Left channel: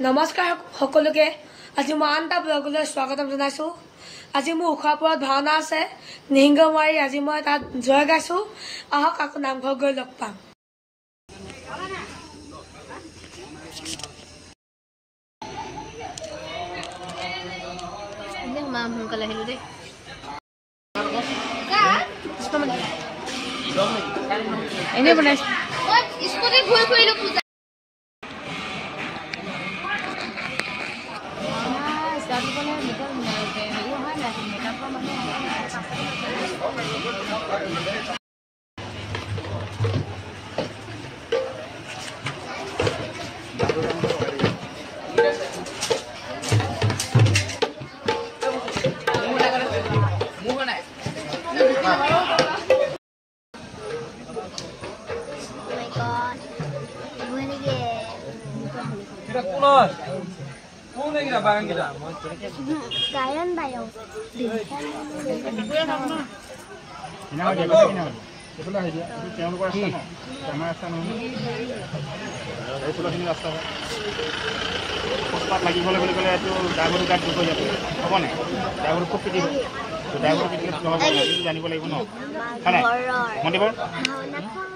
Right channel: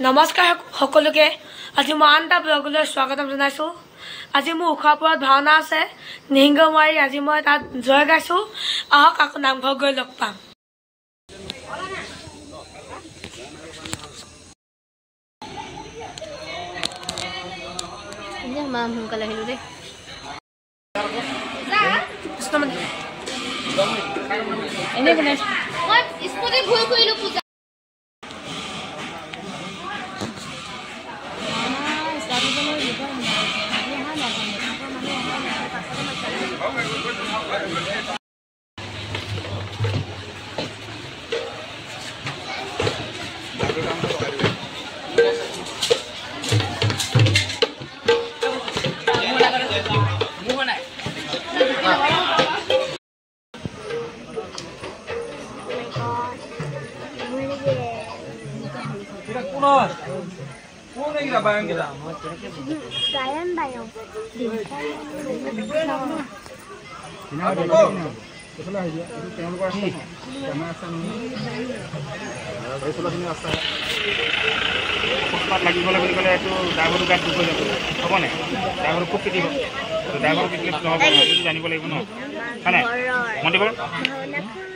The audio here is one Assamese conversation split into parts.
নমস্কাৰ সকলোকে আজি মই আন এটা ব্লগলৈ স্বাগতম জনাইছোঁ। আজি মোৰ উখাপুৰত ভাওনা আছে নিহিংগমাৰী। আজি মই তাত জয় গাইছোঁ। আহক আকৌ নামঘৰ গৈ লগ পাম। এনে বনাইছে স্কুলে ভুল কৰিলো পূজা গায়ন বায়ন লাগিবলৈ বুলি ক'লে এইটো ড্ৰাইভাৰৰ গাত দুখ হৈ যাব হ'ব নাই? ড্ৰাইভাৰ খুব পিটিব, ড্ৰাইভাৰৰ পিটিলে নহ'ব, সেইটো জানিব লাগিব ন। হয় নাই মন্দিৰ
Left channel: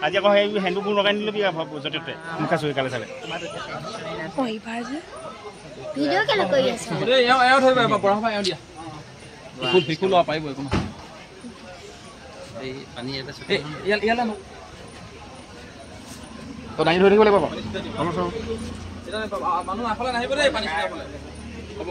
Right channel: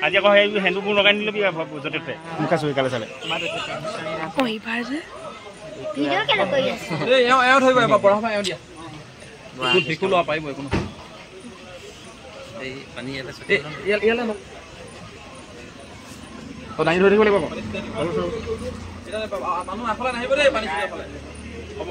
আজি আকৌ সেই হেন্দুবোৰ লগাই নিলবি য'তে ত'তে মুখা চুৰি কালে চালে ভিডিঅ' কেলে কৰি আছে এওঁ ধৰিব এবাৰ পঢ়া শুনা এওঁ দিয়া বিকুল লোৱা পাৰিব একো নহয়। এই পানী ইয়ালে দাঙি ধৰি থাকিব লাগিব। মানুহ আগফালে নাহিব দেই, পানী হ'ব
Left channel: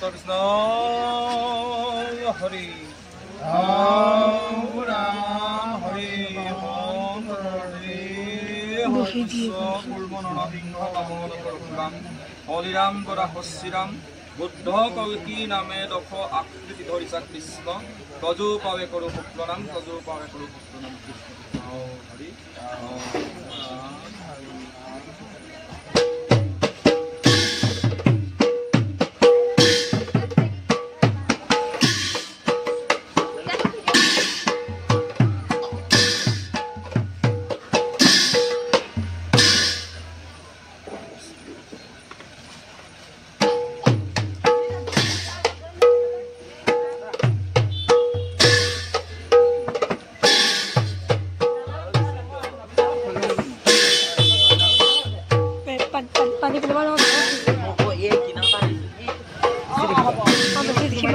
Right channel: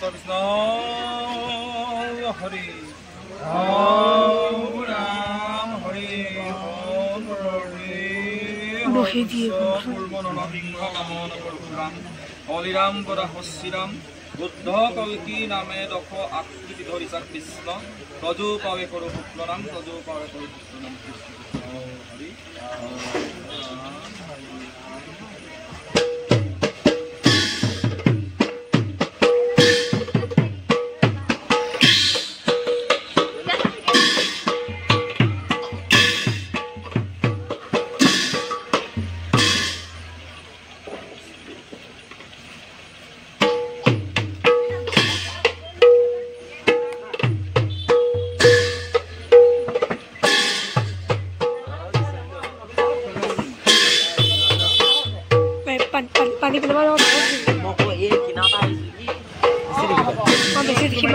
কৃষ্ণ হৰি ৰাম হৰি বহি দিয়ে হলিৰাম কৰা হস্যিৰাম বুদ্ধ কবিকি নামে দশ আকৃতি ধৰিছা কৃষ্ণ তজু পাৱে কৰো পুত্ৰনাম তজু পাৱে কৰো পুত্ৰনাম কৃষ্ণ হৰি পানী পেলাব বেছি দেখিম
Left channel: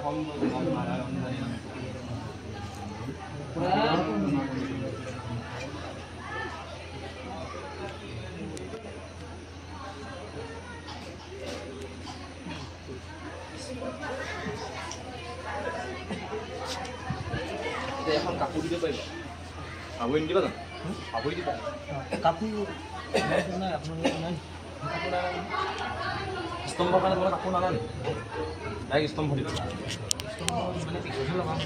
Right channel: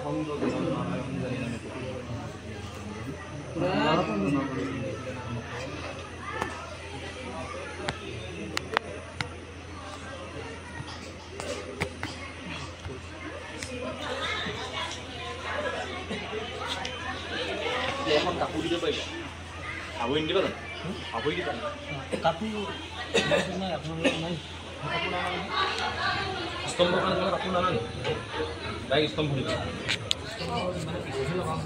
এখন কাপোৰ দিব পাৰিবা আগুৰি নিদিবা জানো আগুৰি দিবা কাপোৰ নাই আপোনালোকৰ নাই কাপোৰ নানা স্তম্ভ কাৰণে তোমালোকে কাপোৰ নানা নি ডাইৰেক্ট স্তম্ভ দিবা মানে পিছতহে লগাম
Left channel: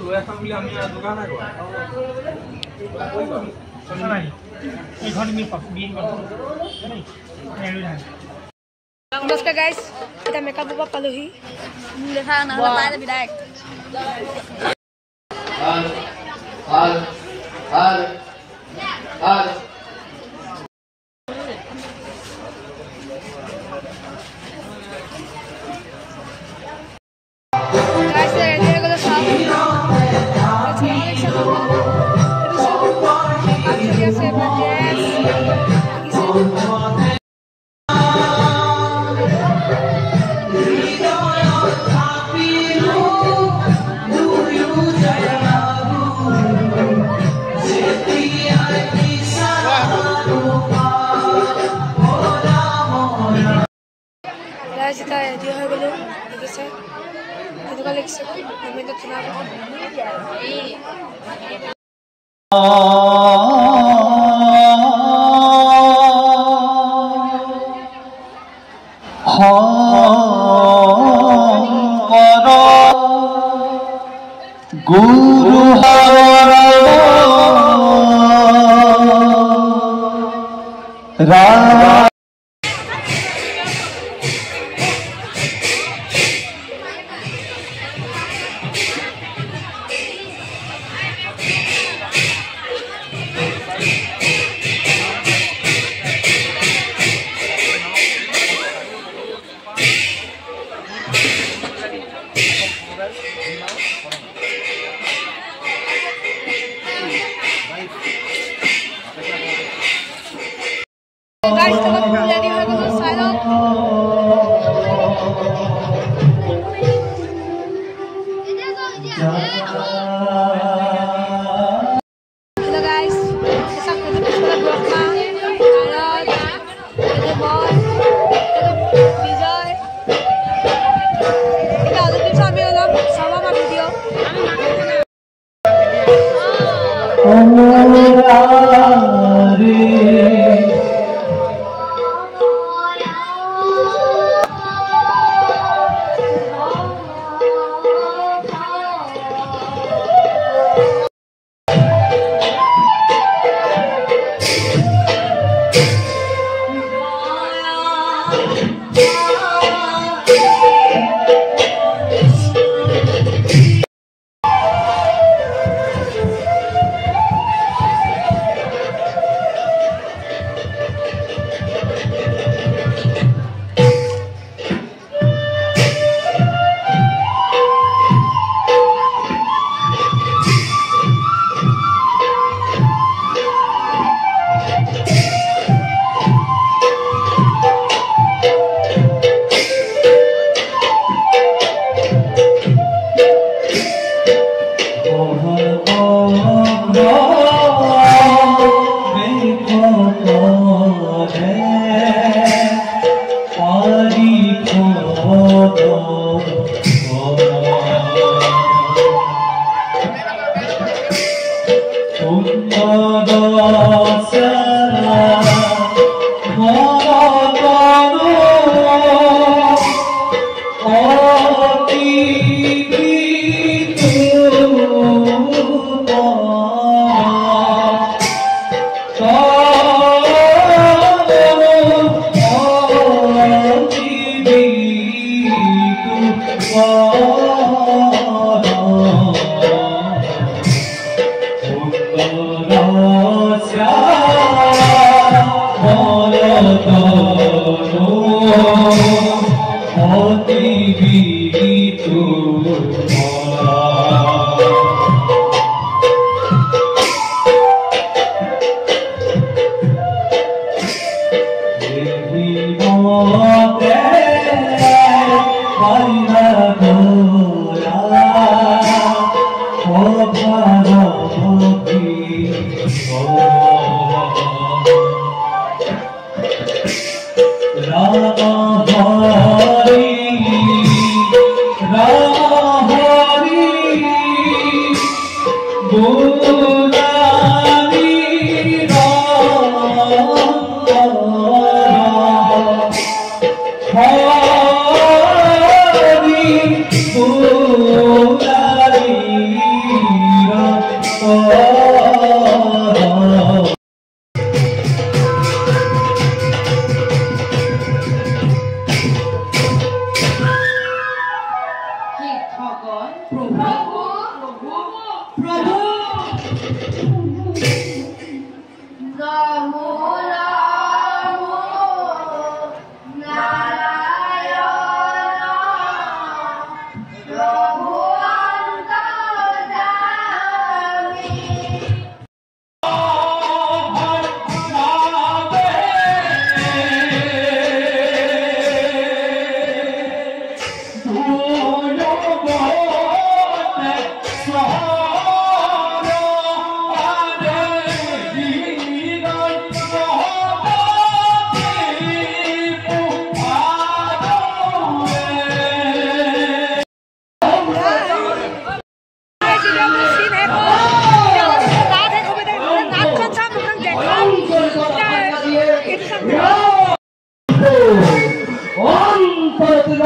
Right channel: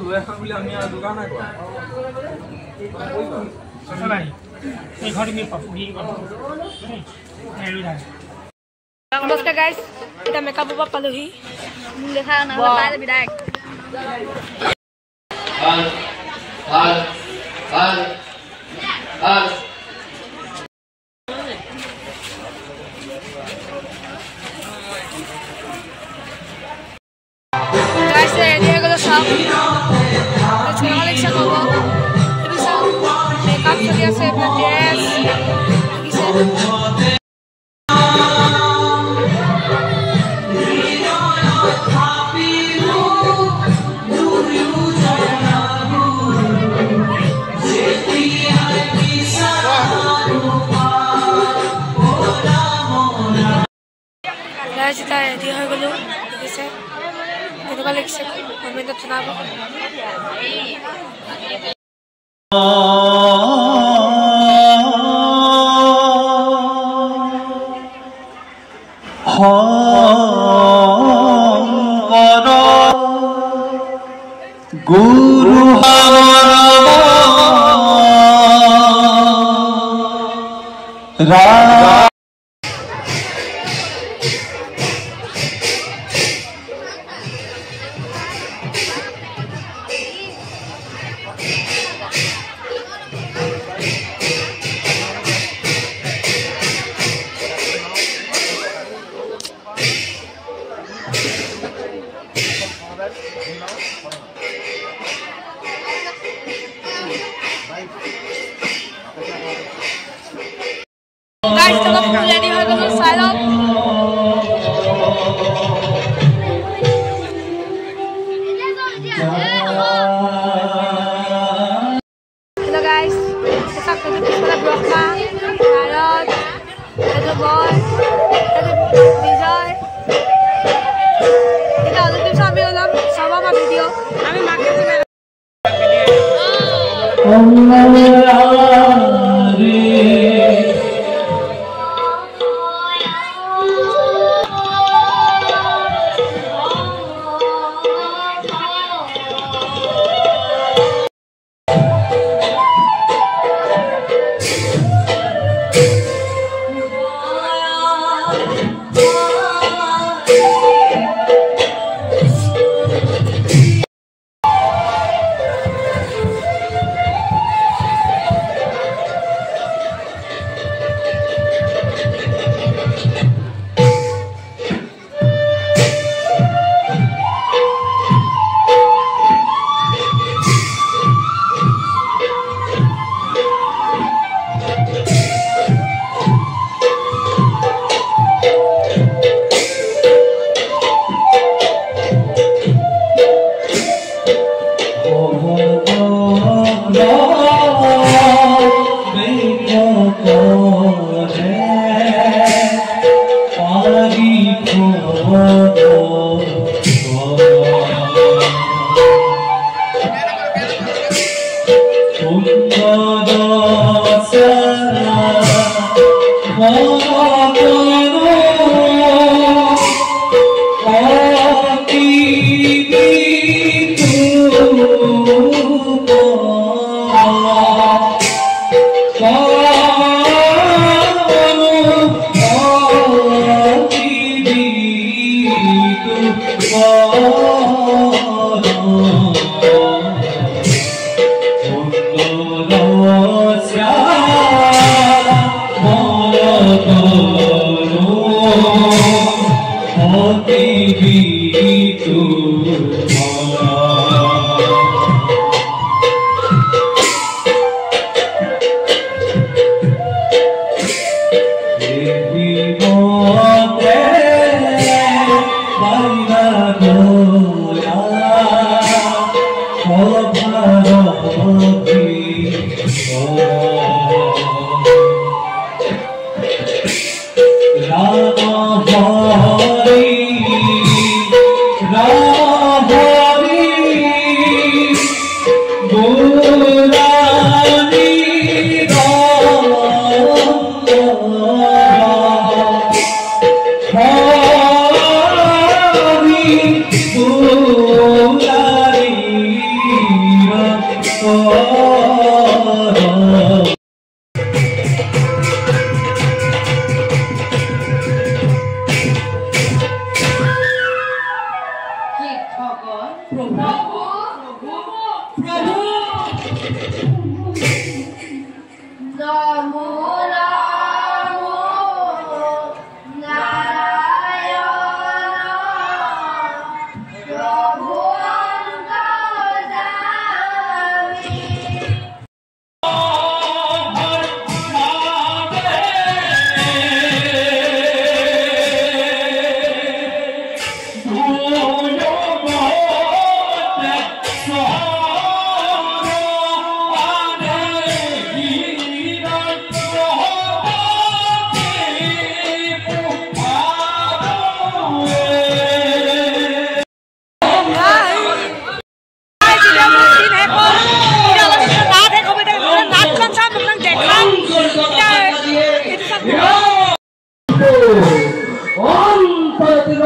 লৈ আহা বুলি আমি যোগাৰ নাই কৰা নমস্কাৰ গাইজ এতিয়া মেকআপৰ পৰা পালোহি ৰেডি হৈ গ'লো চাওক ইচ্ছা ক'ব এইবোৰ চাওক মেকআপ চলি আছে এইবিলাক ড্ৰেছ দেখিছে যেতিয়া ৰেডি হৈ গ'লো দেখিছে এনেকুৱা লাগিছে কমেণ্টত জনাব গুৰু গাইজ তোমাক ৰেডি হৈ গ'লো চাই লওক হেল্ল' গাইজ চাওক পিছফালে ব্ৰহ্মা নাৰদ এইটো মই এইটো বিজয় এতিয়া অলপ পিছত আমি ওলাম চাব আমাৰ ভিডিঅ' Devi Hey,